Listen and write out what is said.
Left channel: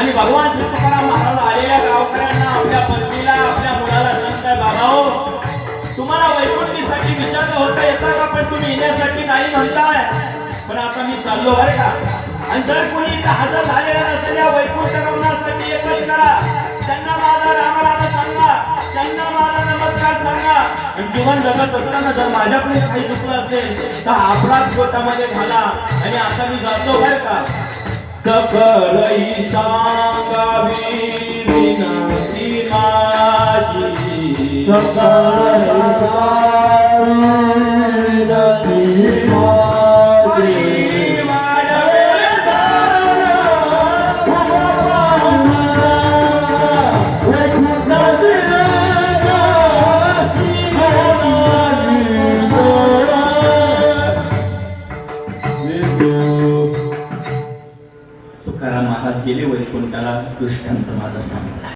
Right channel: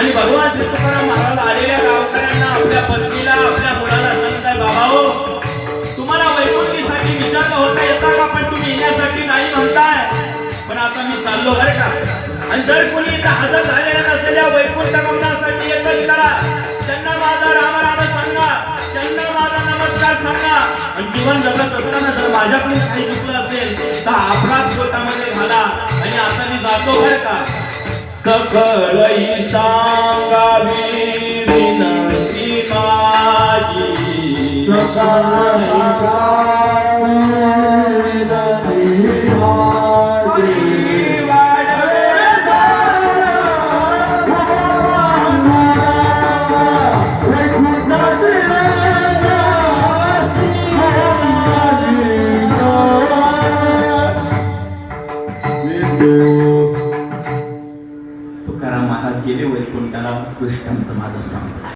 आणि भगवान श्री तुकाराम महाराज आलेल्या गावकऱ्यांना आपल्या पत्नीला आपल्या मुलाला सांगताय, बाबा हो, तुम्हाला वैकुंठीसाठी विचार होता येता का, पण तुम्ही येण्यासाठी नाही म्हणताय. पण आता मी चाललो बरं का, आणि जर कुणी इथं हजर झालेला नसेल या वैकुंठ गमनासाठी एकच करा, त्यांना माझा राम राम सांगा, त्यांना माझा नमस्कार सांगा. आणि जीवन जगत असताना जर माझ्याकडून काही चुकलं असेल तर अपराध पोटामध्ये घाला. आणि आता मी जातो बरं का. सकलई सांगावी विनंती माझी, सकलई तुकाराम महाराज गेले वैकुंठाला, दृष्टांत माझा सांगला.